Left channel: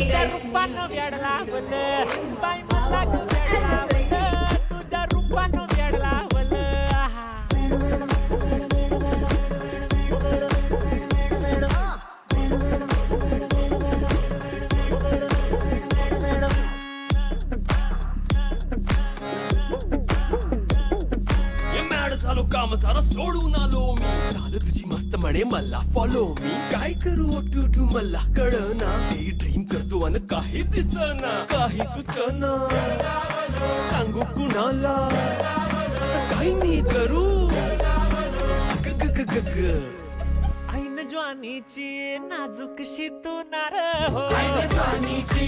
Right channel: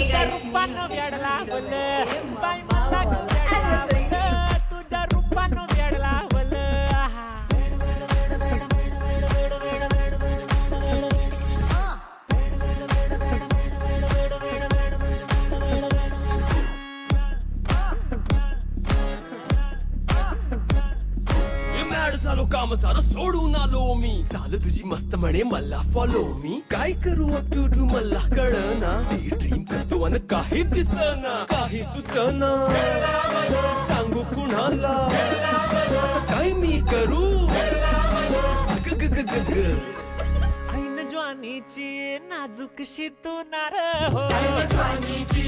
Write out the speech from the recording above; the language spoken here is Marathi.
तुझ्या रूपानं वेड लावलं बाई मला तू वेड लावलं तुझ्या रूपानं वेड लावलं आहा. झालो काम सारं सोडून आलो मी चाल तुझी मस्त म्हणे मला फॉलो मी काय करू टू मला कळना ती ड्रीम करतो अन काही दिसना काही सुचना सांगू कुणाला आता काय मी करू ग ग ग ग ग ऐन ज्वानीची नाजूकशी तू नार हो ज्वानीची